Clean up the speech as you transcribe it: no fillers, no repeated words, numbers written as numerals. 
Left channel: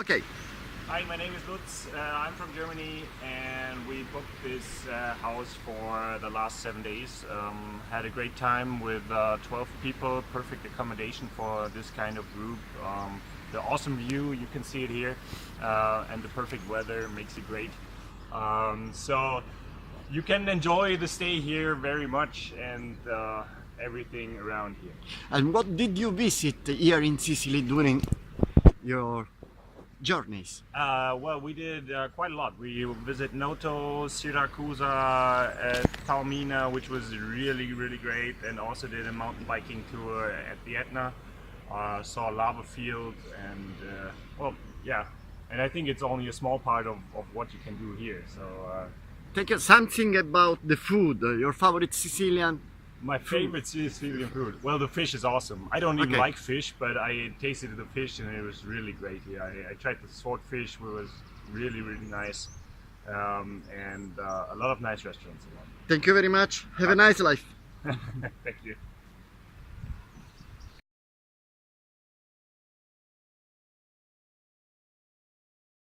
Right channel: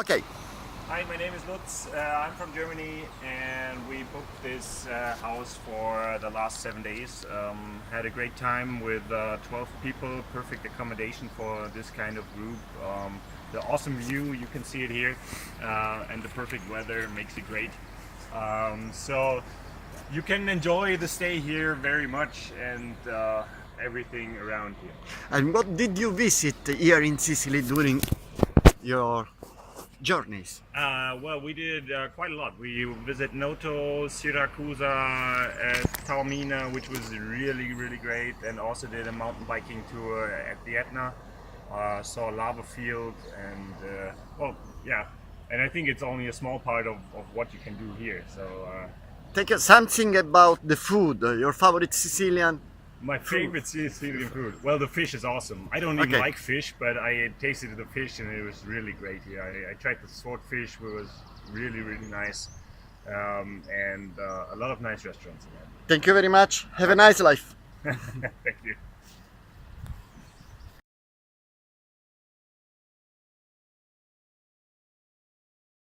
Okay. Hi, my name is Lutz. I'm from Germany, and we booked this house for the last 7 days. Had a great time with 12 people, perfect accommodation for this kind of group. The awesome view, you can see it here, and the perfect weather makes it great. So you can enjoy the stay here very much, and everything around here. And what did you visit here in Sicily during your journeys? Well, we did quite a lot. We visit Noto, Syracuse, Taormina, which was really great, and also did a mountain biking tour at the Etna. Saw a lava field, and well, yeah. And I think it's only a small part of what you can do here. So Take something about the food, your favorite Sicilian. my favorite Sicilian food. Well, the fish is awesome. I don't even Okay. like fish, but I tasted the fish and it was really great here. I tried the swordfish, which was really nice, and a lot of nice restaurants around. Thank you very much. Have a nice life. Thank you.